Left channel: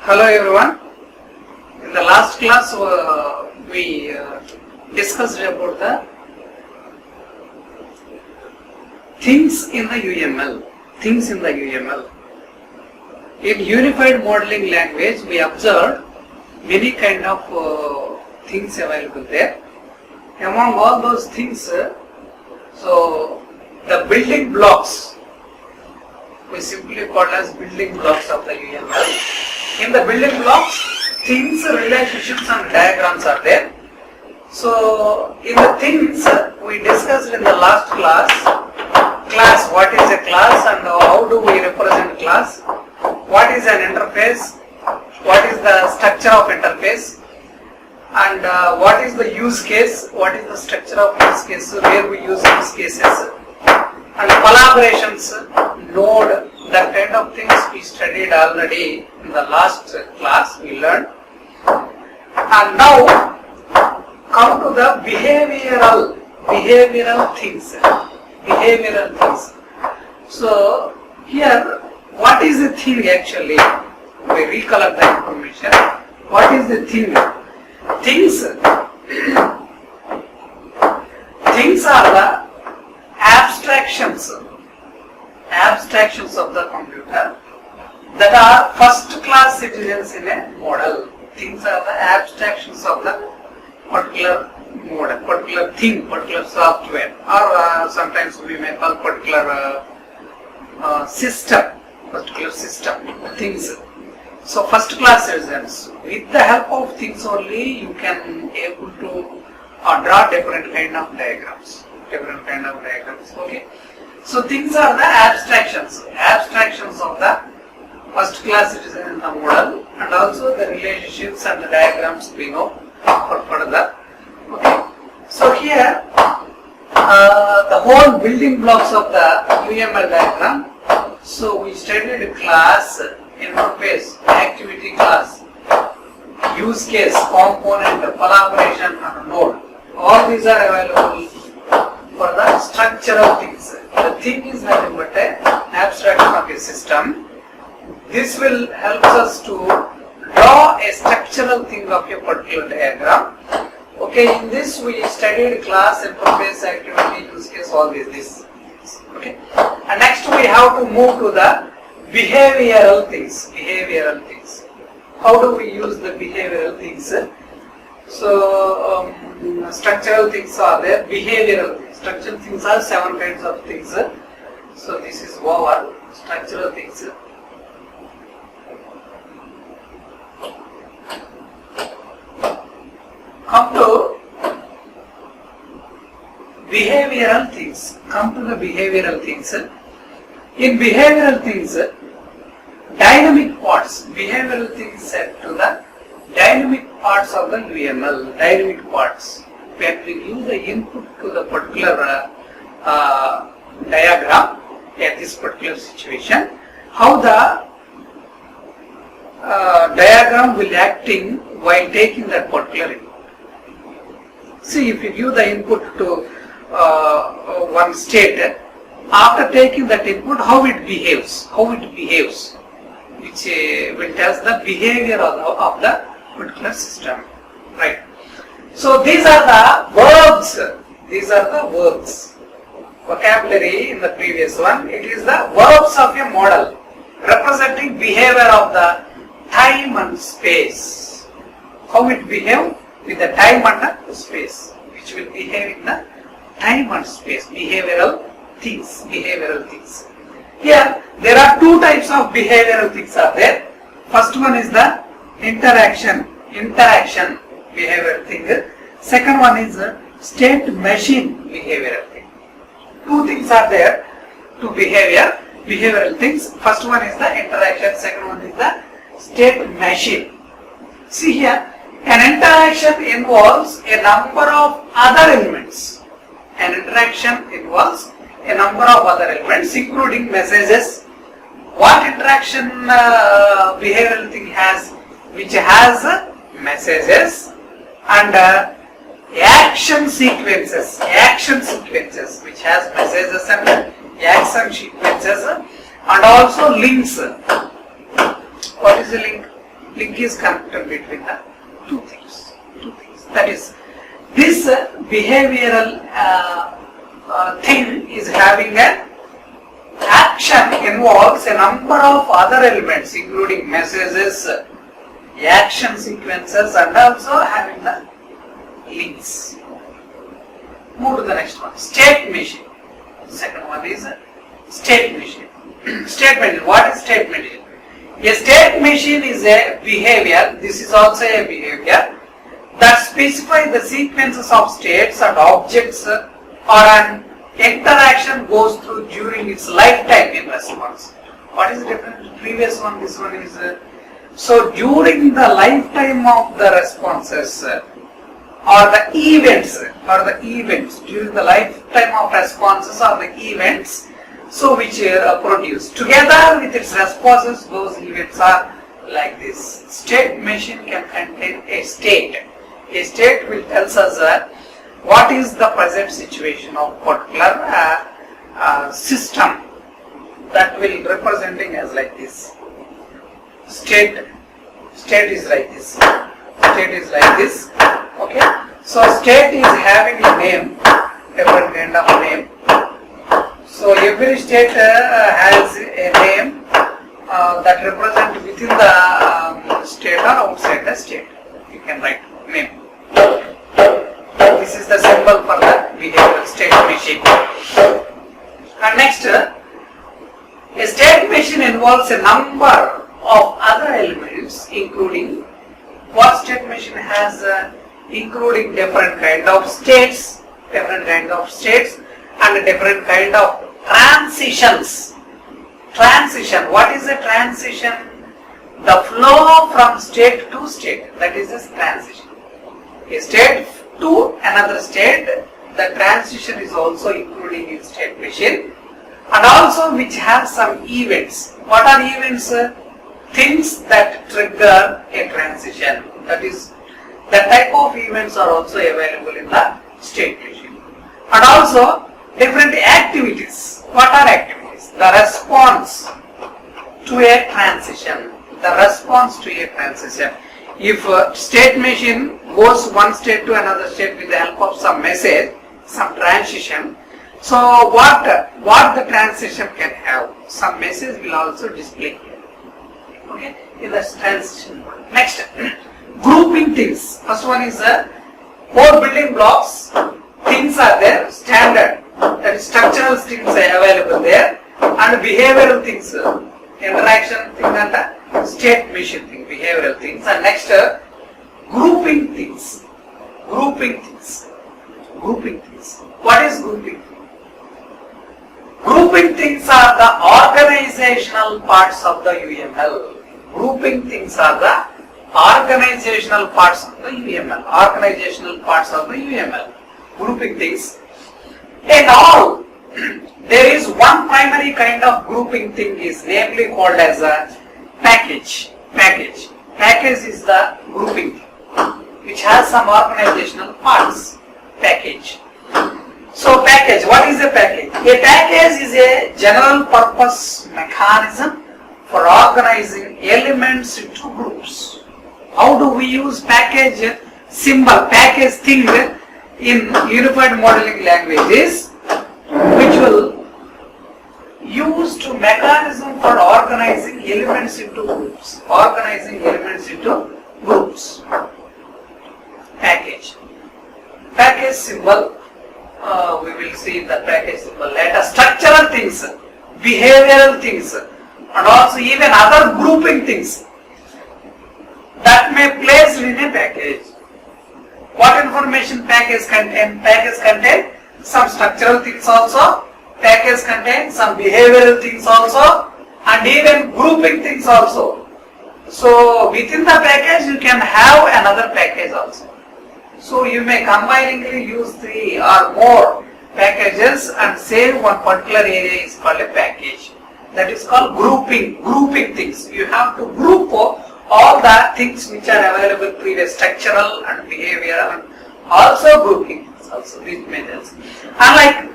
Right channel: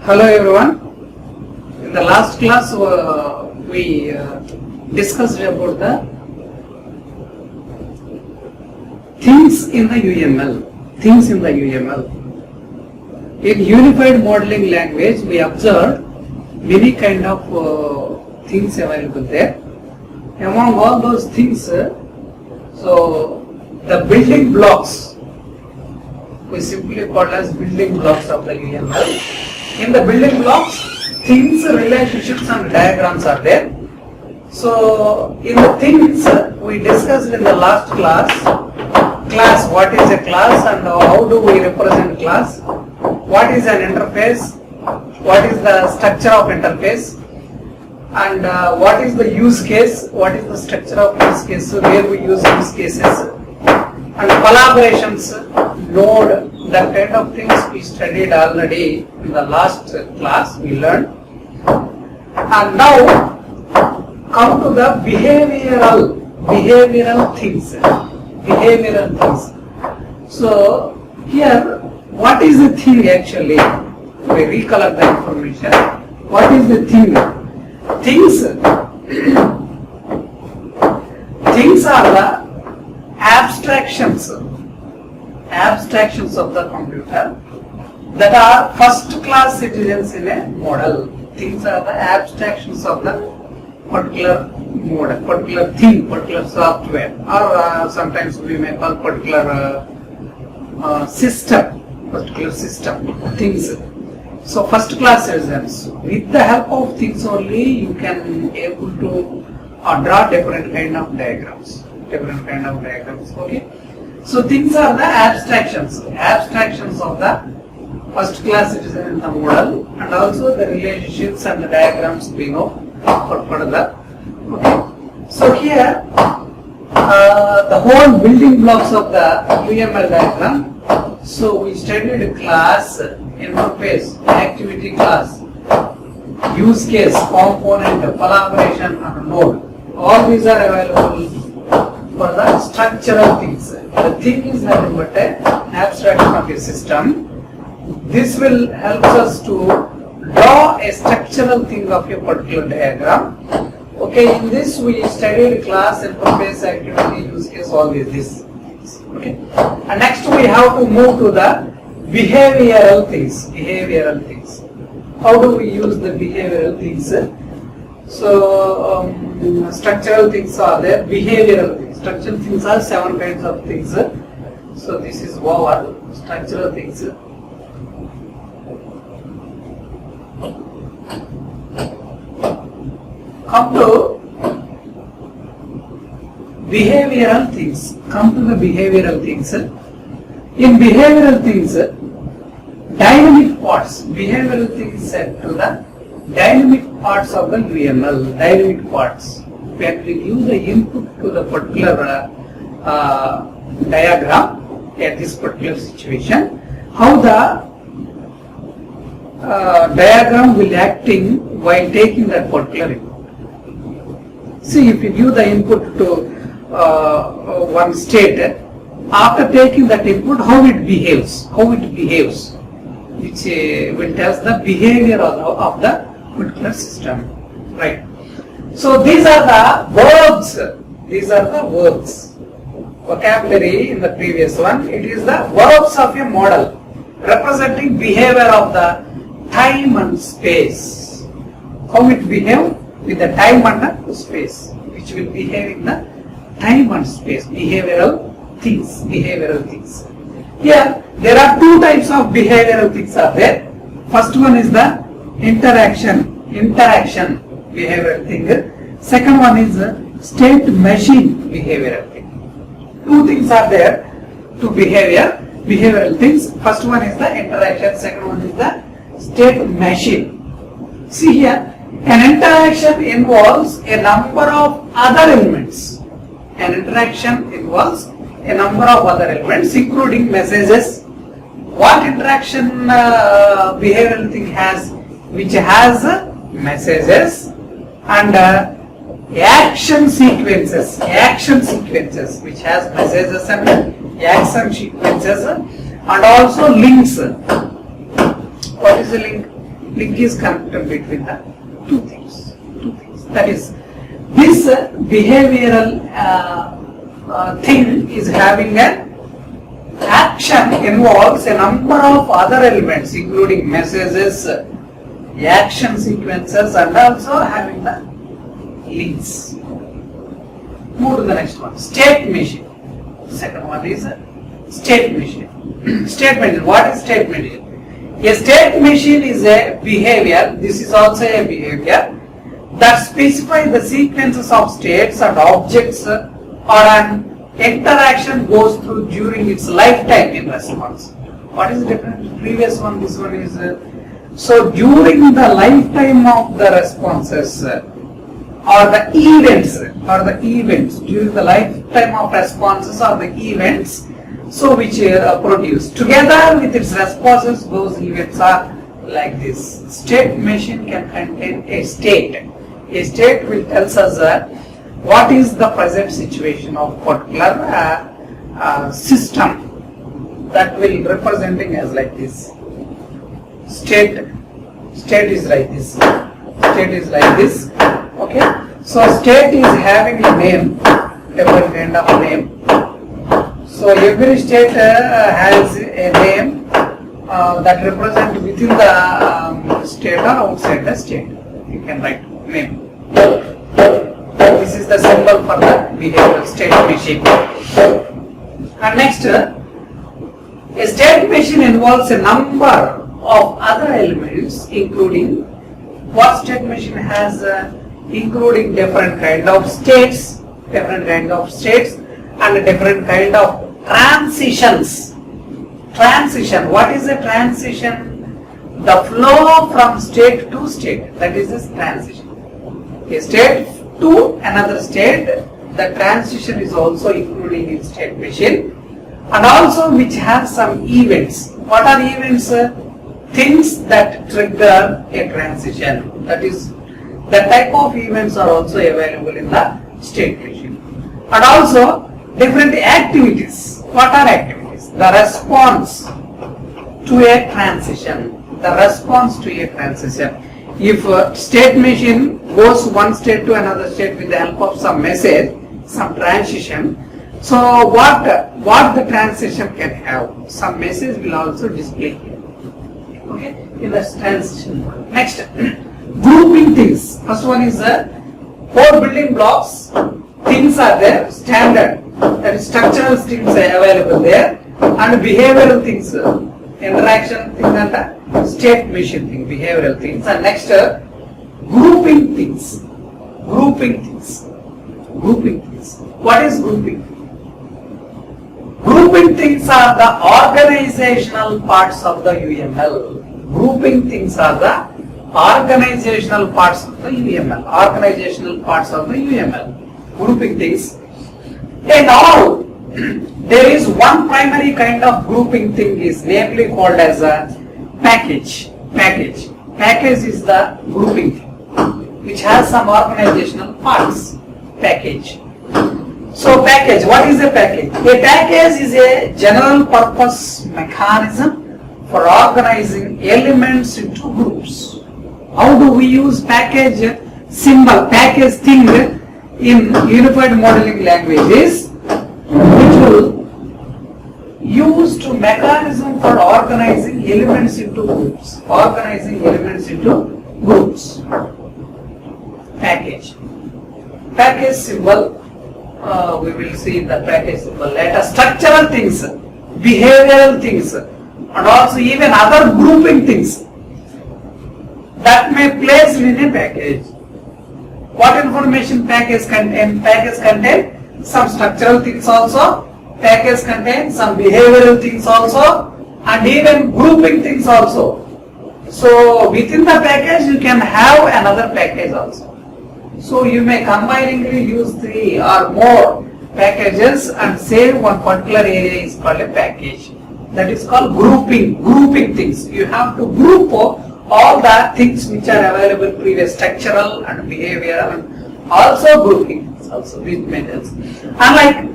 Hello everyone. In the last class we discussed about the things in the UML. Things in the UML. In Unified Modeling Language we observed many kind of things available there. Among all those things, so the building blocks we simply call as building blocks of the UML. In the building blocks, things, relationships and diagrams are there. So in the things we discussed in the last class, what is a class and how do we represent class, what is an interface, what is the structure of interface, and what is the use case, what is the structure of use case, where we use use cases, and collaborations, node, that kind of things we studied already in the last class, we learned. And now come to the behavioral things. So here, what is the thing actually? We recollect the information. What is the thing? Things are the abstractions of the computer that are first class citizens in a model. Things are the abstractions of the particular model, particular thing, particular software, or sometimes we may call particular system, things. So first class citizens, with the help of things only you can able to draw different kind of diagrams. Okay. So things are the abstractions of the first class citizen in the model, and also the relationships and the diagrams being of for further. Okay. So here the whole building blocks of the UML diagram. So we studied class, interface, activity class, use case, component, collaboration, and node. All these are available for the structural things. The thing is nothing but an abstraction of a system. This will help us to draw a structural thing of a particular diagram. Okay, in this we studied class, interface, activity, use case, all this. Okay, and next we have to move to the behavioral things. How do we use the behavioral things? So structural things are there, behavioral things. Structural things are 7 kinds of things. So this is over structural things. Come to behavioral things. In behavioral things, dynamic parts. Behavioral things set to the dynamic parts of the UML. Dynamic parts. When we give the input to the particular diagram at this particular situation, how the diagram will acting while taking that particular input. See, if you give the input to one state, after taking that input, how it behaves, which will tell the behavior of the particular system, right? So these are the verbs. Vocabulary in the previous one, it is the verbs of a model representing behavior of the time and space. How it behave with the time and the space, which will behave in the time and space. Behavioral things. Here there are 2 types of behavioral things are there. First one is the interaction behavioral thing. Second one is state machine behavioral thing. 2 things are there to behavioral things. First one is the interaction, second one is the state machine. See here, an interaction involves a number of other elements. Including messages. What interaction behavioral thing has? Which has messages and action sequences which has messages and action sequences, and also links. What is a link? Link is connected between the two things. That is, this behavioral thing is having an action involves a number of other elements, including messages, action sequences, and also having the links. Move to the next one. State machine. Second one is state machine. State machine. What is state machine? A state machine is a behavior. This is also a behavior that specifies the sequences of states and objects or an interaction goes through during its lifetime in response. What is the difference? Previous one, this one is so during the lifetime of the responses or the events during the lifetime of responses or the events, so which produce together with its responses, those events are like this. State machine can contain a state. A state will tell us what is the present situation of particular system, that will representing as like this. State is like this. Okay. So state is having a name, different kind of name. So every state has a name that represents within the state or outside the state. You can write name. This is the symbol for the behavioral state machine. And next, a state machine involves a number of other elements, including what state machine has, including different kind of states, and different kind of transitions. Transition. What is a transition? The flow from state to state. That is this transition. A state to another state, the transition is also including in state machine, and also which has some events. What are events? Things that trigger a transition. That is, the type of events are also available in the state machine. And also different activities. What are activities? The response to a transition. If a state machine goes one state to another state with the help of some message, some transition, so what the transition can have? Some message will also display here. Okay, in the transition. Next, grouping things. First one is four building blocks. Things are there, standard. That is structural things are available there, and behavioral things, interaction thing and state machine thing, behavioral things. And next, grouping things. What is grouping? Grouping things are the organizational parts of the UML. Grouping things are the organizational parts of the UML. Grouping things. In all, there is one primary kind of grouping thing is namely called as a package. Package is the grouping thing, which has some organizational parts. Package. So package, what is a package? A package is a general purpose mechanism for organizing elements into groups. How do we use package symbol, package thing in unified modeling languages, which will use to mechanism for organizing elements into groups. Package symbol. We will see the package symbol later. Structural things, behavioral things, and also even other grouping things that may be placed in a package. What information package contain? Package contain some structural things also. Package contain some behavioral things also, and even grouping things also. So within the package you can have another package also. So you may combiningly use 3 or more packages and say one particular area is called a package. That is called grouping things. You have to group all the things which are available previous, structural and behavioral, and also grouping things also, these methods. Unlike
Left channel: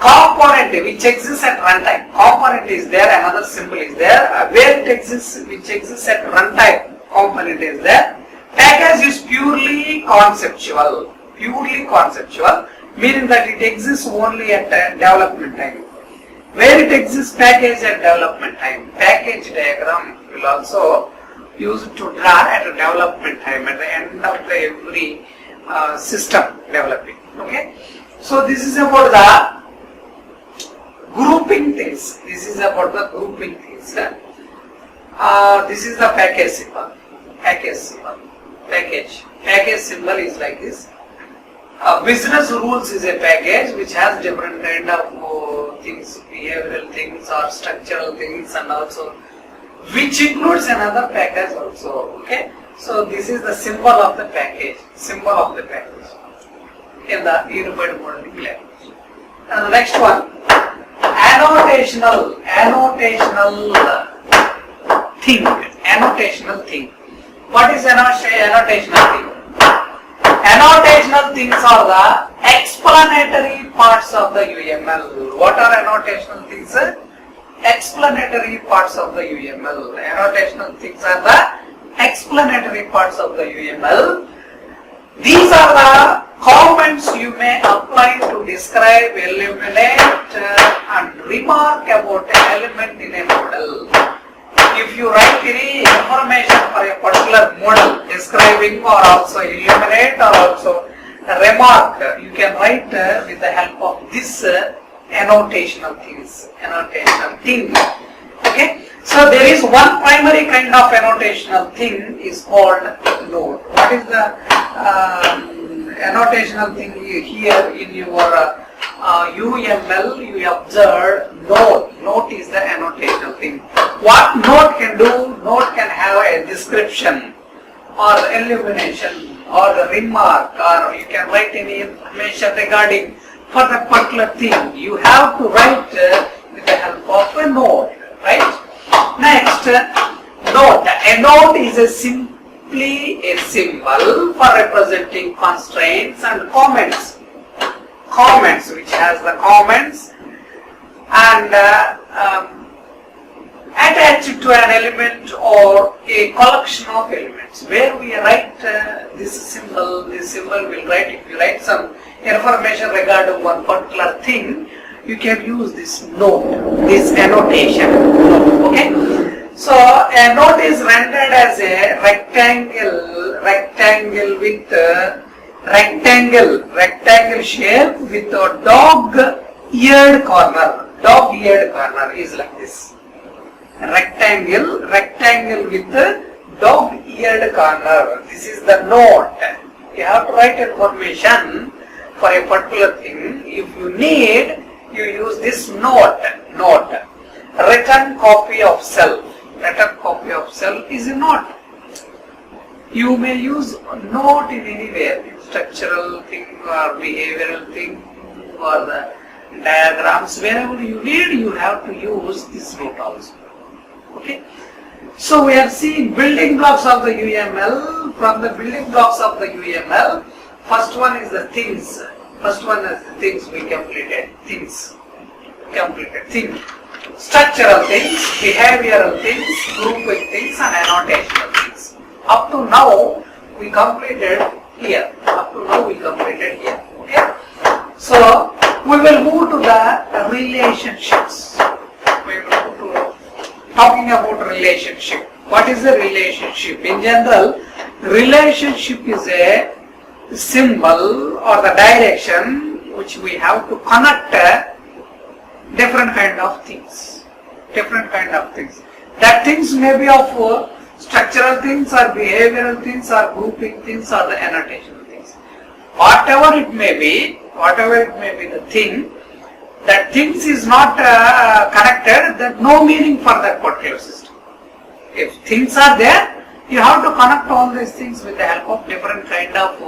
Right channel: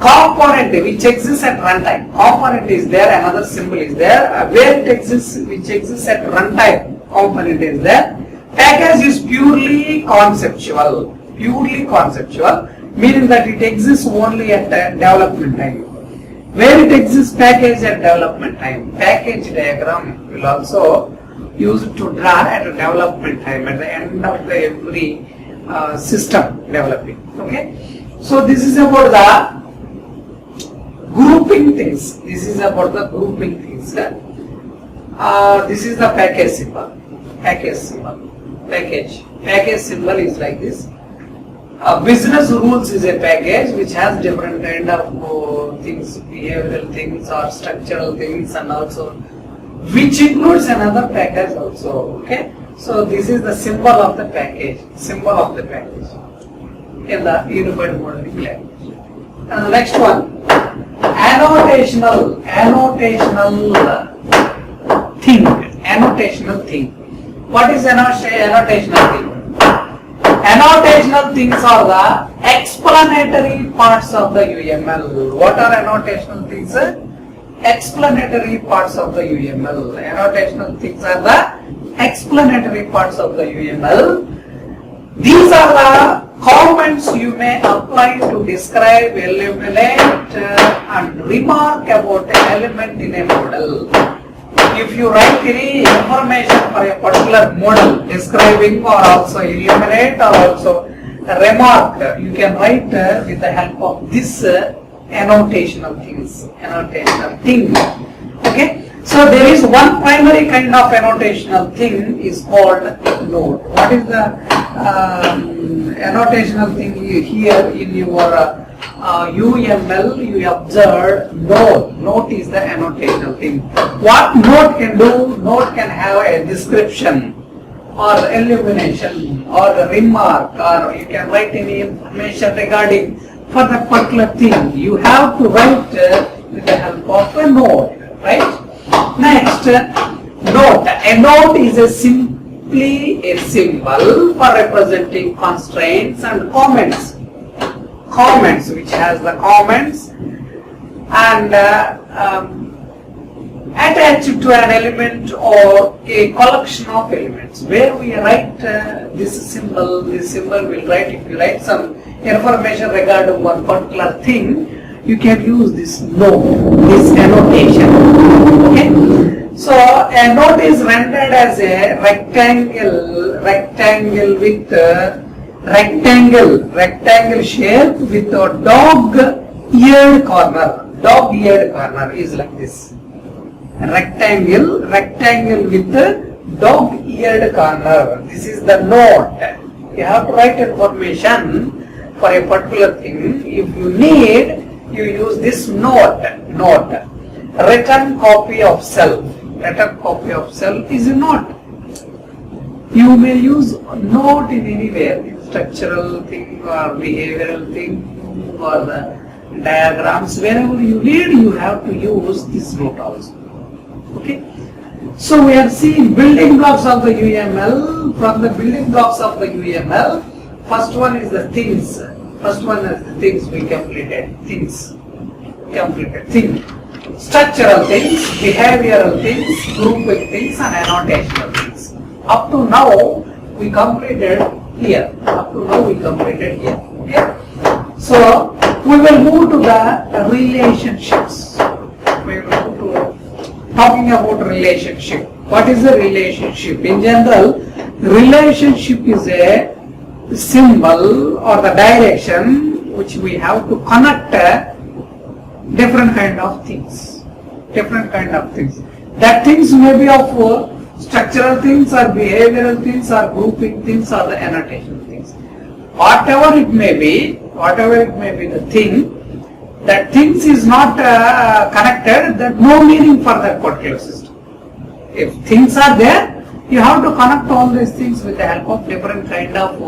component which exists at runtime. Component is there, another symbol is there, where it exists, which exists at runtime. component is there. Package is purely conceptual, meaning that it exists only at development time. Where it exists package at development time. Package diagram will also use it to draw at a development time, at the end of the every system developing. Okay, so this is about the grouping things. This is the package symbol. Package symbol is like this. Business rules is a package which has different kind of things, behavioral things or structural things, and also which includes another package also. Okay, so this is the symbol of the package. In the unified modeling language. And the next one, annotational thing. What is annotational thing? Annotational things are the explanatory parts of the UML. What are annotational things? Explanatory parts of the UML. Annotational things are the explanatory parts of the UML. These are the comments you may apply to describe, illuminate, and remark about an element in a model. If you write any information for a particular model, describing or also illuminate or also remark, you can write with the help of this annotational thing. Okay, so there is one primary kind of annotational thing is called note. What is the annotational thing here in your UML? You observe note. Note is the annotational thing. What note can do? Note can have a description or illumination or the remark, or you can write any information regarding for the particular thing. You have to write with the help of a note, right? Next, note. A note is simply a symbol for representing constraints and comments. Comments, which has the comments and attached to an element or a collection of elements. Where we write this symbol will write. If you write some information regarding one particular thing, you can use this note, this annotation. Okay, so a note is rendered as a rectangle with rectangle shape with a dog-eared corner. Dog-eared corner is like this. Rectangle with a dog-eared corner. This is the note. You have to write information for a particular thing. If you need, you use this note. Written copy of self. Written copy of self is a note. You may use note in anywhere, structural thing or behavioral thing or the diagrams. Wherever you need, you have to use this note also. Okay. So we are seeing building blocks of the UML. From the building blocks of the UML, first one is the things. We completed. Things. Structural things, behavioral things, grouping things, and annotational things. Up to now, we completed here. Okay. So we will move to the relationships. We will move to talking about relationship. What is the relationship? In general, relationship is a symbol or the direction which we have to connect different kind of things. That things may be of structural things or behavioral things or grouping things or the annotation things. Whatever it may be the thing, that things is not connected, that no meaning for that particular system. If things are there, you have to connect all these things with the help of different kind of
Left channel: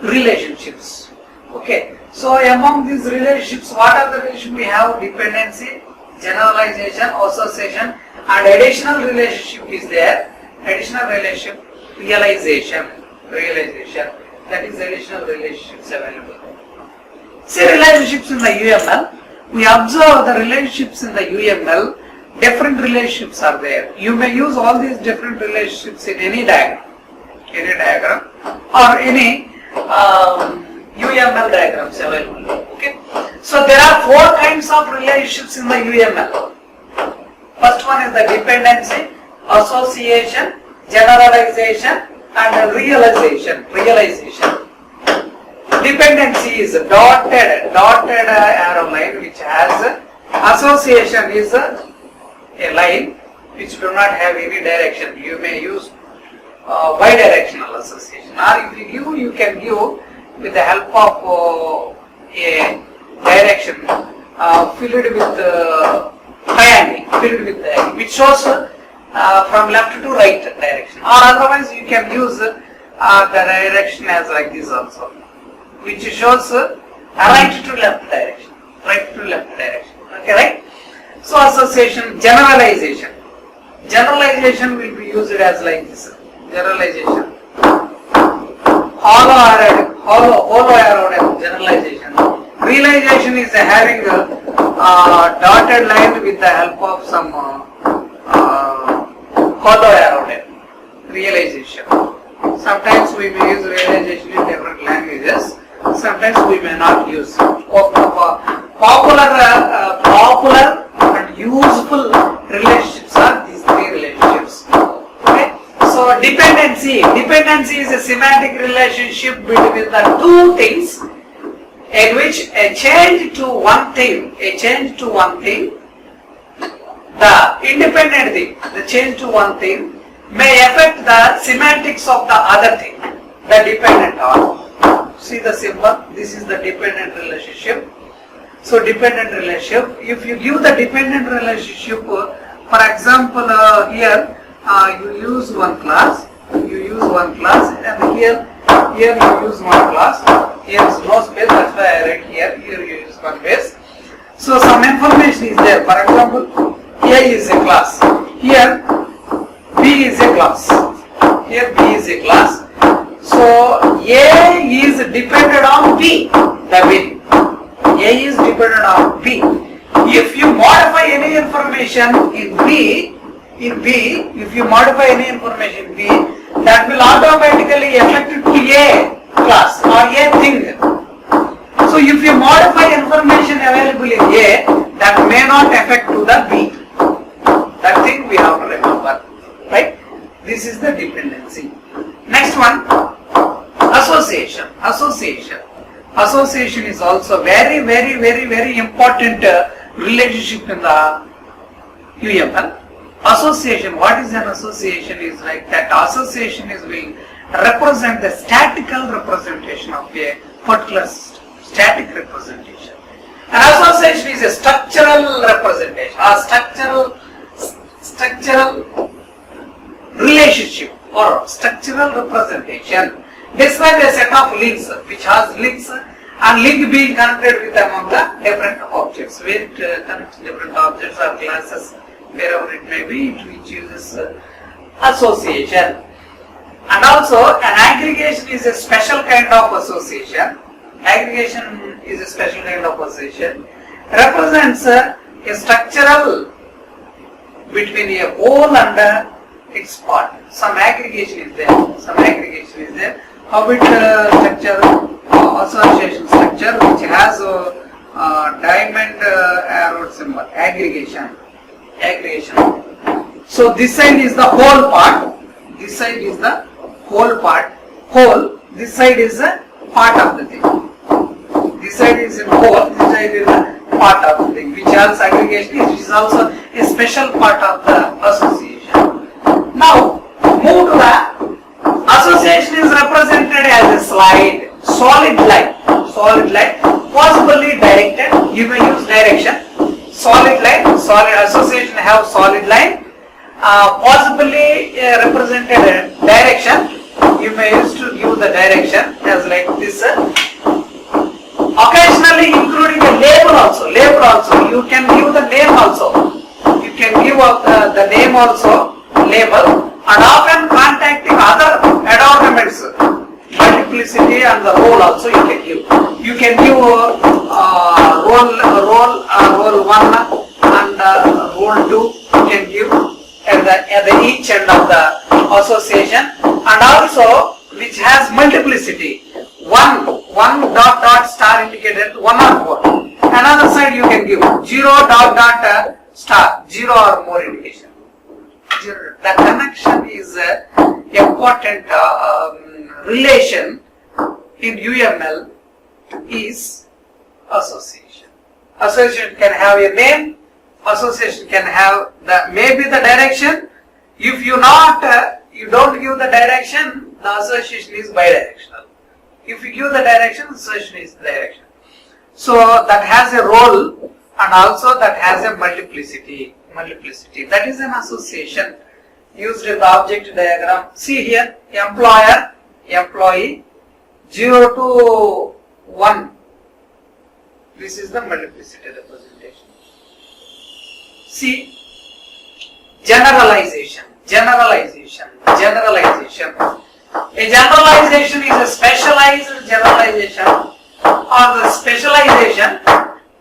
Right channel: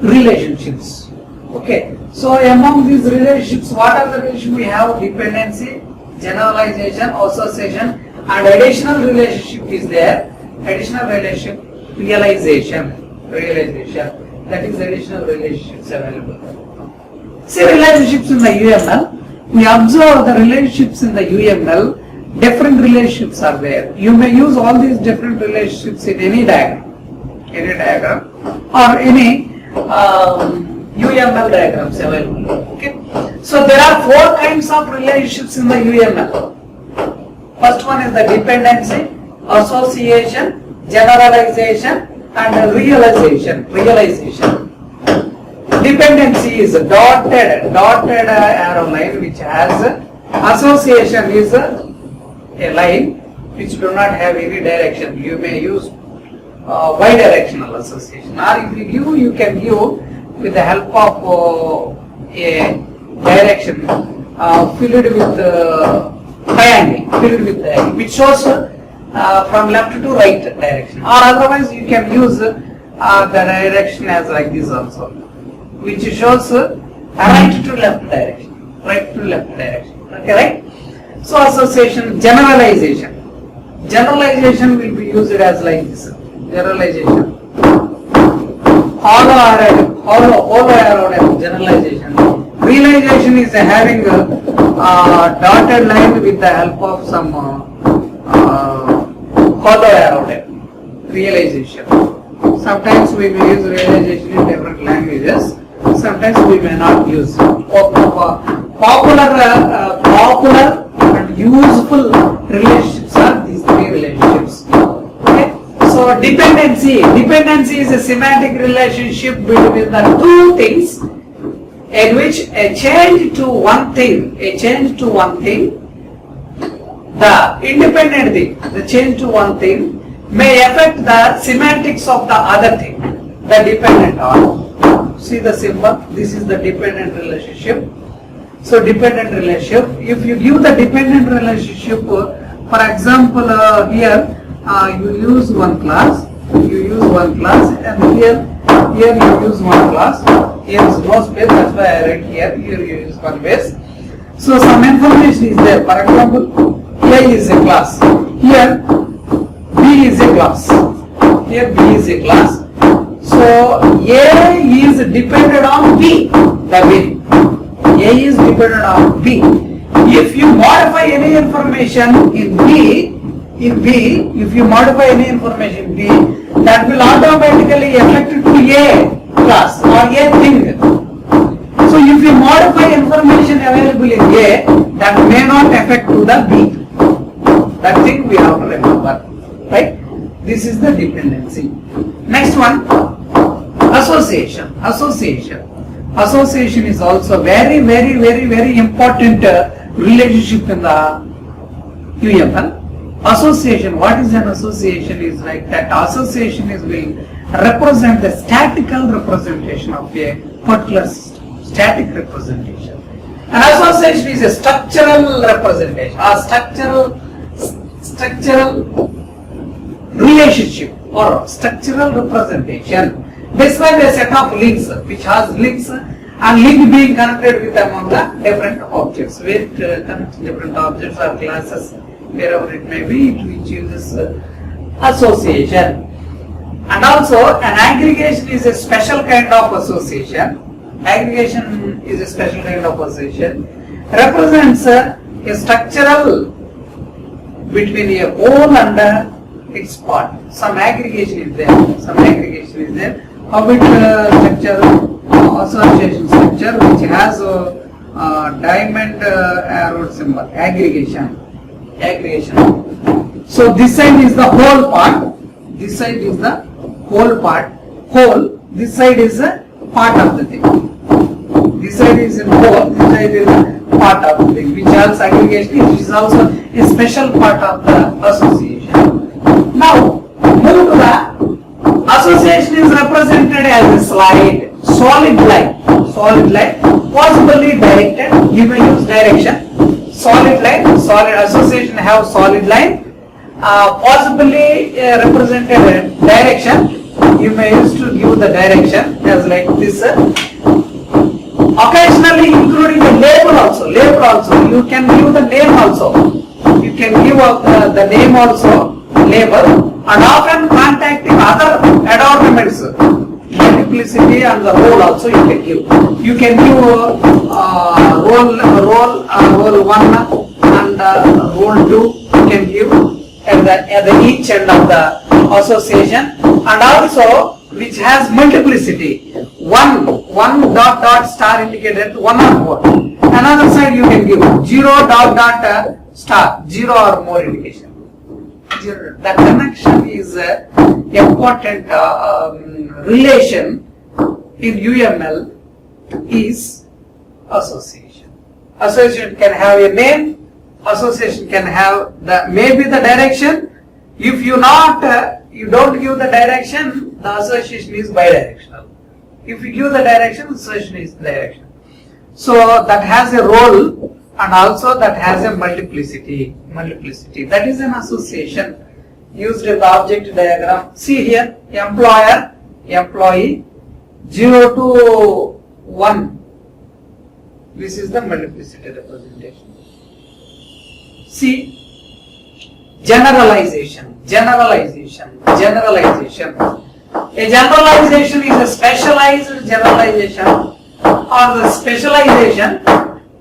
relationships. Okay, so among these relationships, what are the relationships we have? Dependency, generalization, association, and additional relationship is there. Additional relationship, realization. That is additional relationships available. See relationships in the UML. We observe the relationships in the UML. different relationships are there. You may use all these different relationships in any diagram or any UML diagrams available. Okay. So there are 4 kinds of relationships in the UML. First one is the dependency, association, generalization, and realization. Dependency is a dotted arrow line which has association is a line which do not have any direction. You may use bidirectional association, or if you give, you can give with the help of a direction filled with triangle, which shows from left to right direction, or otherwise you can use the direction as like this also, which shows right to left direction. Okay, right? So association, generalization will be used as like this. Generalization, hollow arrow generalization. Realization is having a dotted line with the help of some hollow arrow type. Realization. Sometimes we may use realization in different languages. Sometimes we may not use. Popular and useful relationships are these 3 relationships. Okay. So dependency is a semantic relationship between the 2 things, in which a change to one thing, the independent thing, the change to one thing may affect the semantics of the other thing, the dependent on. See the symbol, this is the dependent relationship. So dependent relationship, if you give the dependent relationship, for example here you use one class, and here you use one class. Here is no space, that's why I write here you use one space. So some information is there. For example, A is a class, here B is a class, So A is dependent on B, A is dependent on B. If you modify any information in B, if you modify any information in B, that will automatically affect to A class or A thing. So if you modify information available in A, that may not affect to the B. That thing we have to remember, right? This is the dependency. Next one, association. Association is also very important relationship in the UML. Association, what is an association? Is like that association will represent the statical representation of a particular system. Static representation. An association is a structural representation, or structural relationship or structural representation. Describe a set of links which has links, and link being connected with among the different objects. Where it connects different objects or classes, wherever it may be, which uses association. And also an aggregation is a special kind of association. Represents a structural between a whole and its part. Some aggregation is there. How it association structure which has a diamond arrow symbol. Aggregation. So this side is the whole part. This side is the whole part. This side is a part of the thing. This side is in whole. This side is a part of the thing. Which has aggregation, which is also a special part of the association. Now move to the association is represented as a solid line, possibly directed. You may use direction. Solid association have solid line, possibly represented direction. You may use to give the direction as like this. Occasionally including the label also. You can give the name also. You can give the name also, label. And often contacting other adornments, multiplicity and the role also you can give. You can give role 1 and rule 2 you can give at the each end of the association, and also which has multiplicity. One dot dot star indicated 1 or more. Another side you can give 0 dot dot star, 0 or more indication. The connection is important relation in UML is association. Association can have a name. Association can have maybe the direction. If you don't give the direction, the association is bidirectional. If you give the direction, the association is direction. So that has a role, and also that has a multiplicity. That is an association used in the object diagram. See here, employer, employee, 0 to 1. This is the multiplicity representation. See, generalization. A generalization is a specialized generalization, or the specialization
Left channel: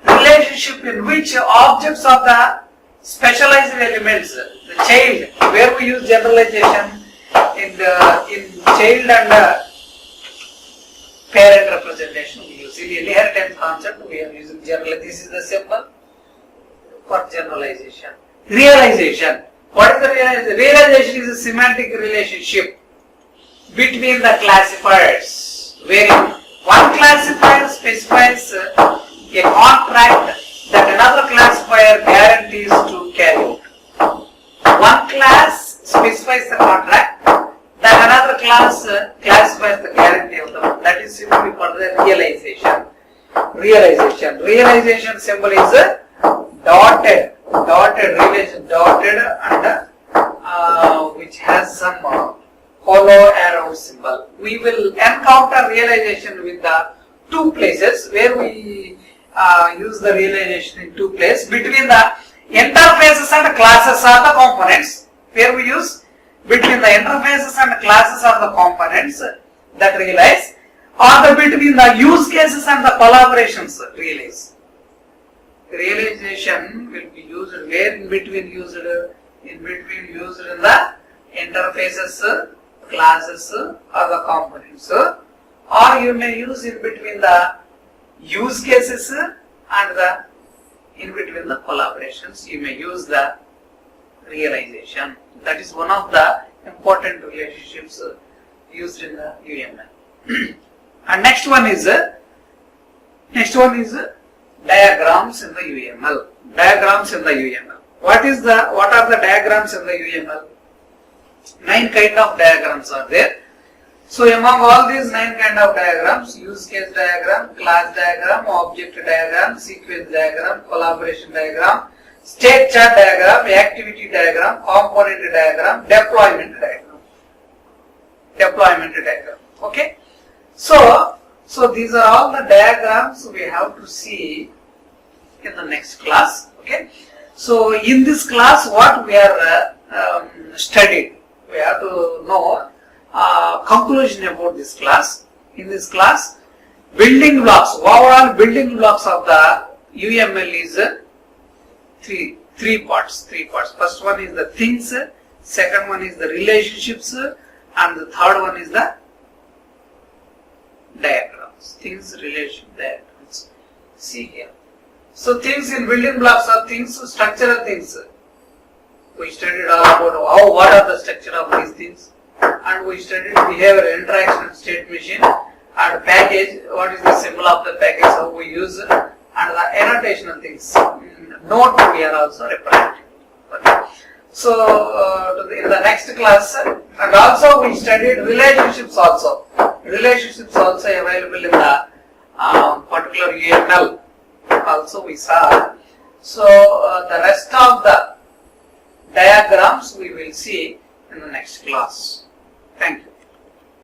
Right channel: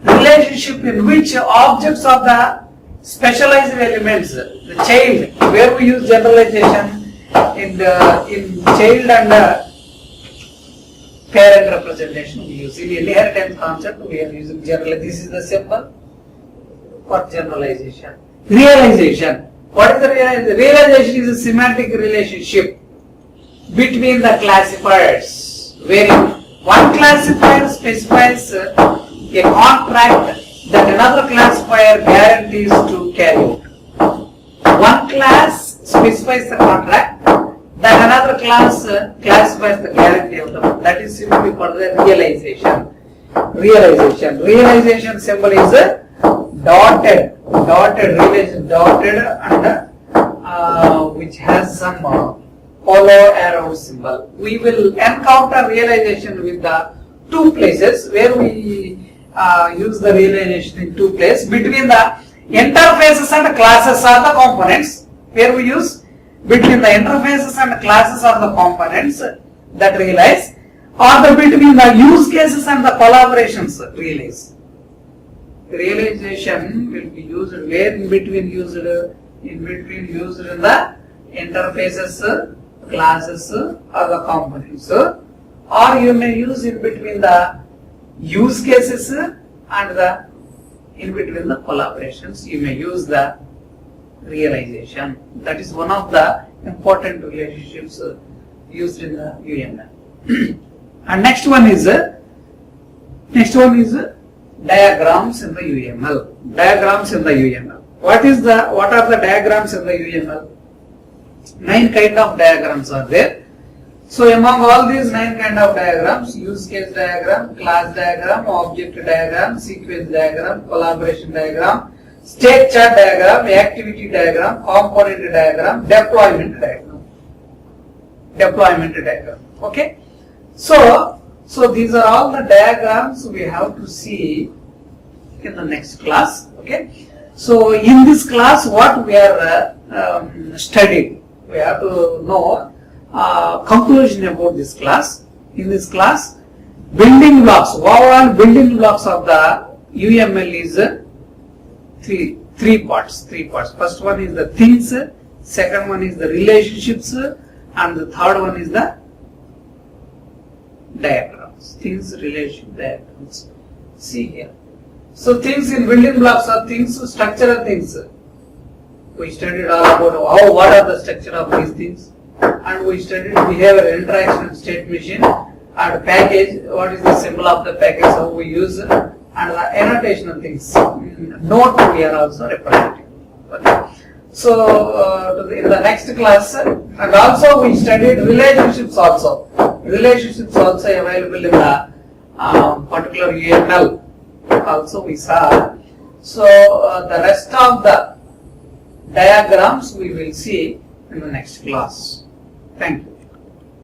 relationship in which objects of the specialized elements, the child, where we use generalization in child and parent representation, we use in inheritance concept, we are using general. This is the symbol for generalization. Realization. What is the realization? Realization is a semantic relationship between the classifiers, wherein one classifier specifies a contract that another classifier guarantees to carry out. One class specifies the contract that another class classifies the guarantee of the one. That is simply called the realization. Realization symbol is dotted relation, dotted, and which has some hollow arrow symbol. We will encounter realization with the two places where we use the realization in two places between the interfaces and classes or the components, where we use between the interfaces and classes or the components that realize, or the between the use cases and the collaborations realize. Realization will be used where in between used in the interfaces, classes or the components, or you may use in between the use cases and the in between the collaborations. You may use the realization. That is one of the important relationships used in the UML. And next one is diagrams in the UML. Diagrams in the UML. What are the diagrams in the UML? 9 kind of diagrams are there. So among all these 9 kind of diagrams, use case diagram, class diagram, object diagram, sequence diagram, collaboration diagram, state chart diagram, activity diagram, component diagram, deployment diagram. Okay. So these are all the diagrams we have to see in the next class. Okay. So in this class, what we are studying, we have to know conclusion about this class. In this class, building blocks, overall building blocks of the UML is three parts. First one is the things, second one is the relationships, and the third one is the diagrams. Things, relationship, diagrams. See here. So things in building blocks are things, structural things. We studied all about what are the structure of these things, and we studied behavior, interaction, state machine, and package. What is the symbol of the package? How we use it, and the annotation things. Note we are also representing. Okay. So in the next class, and also we studied relationships also. Relationships also available in the particular UML. Also we saw. So the rest of the diagrams we will see in the next class. Thank you.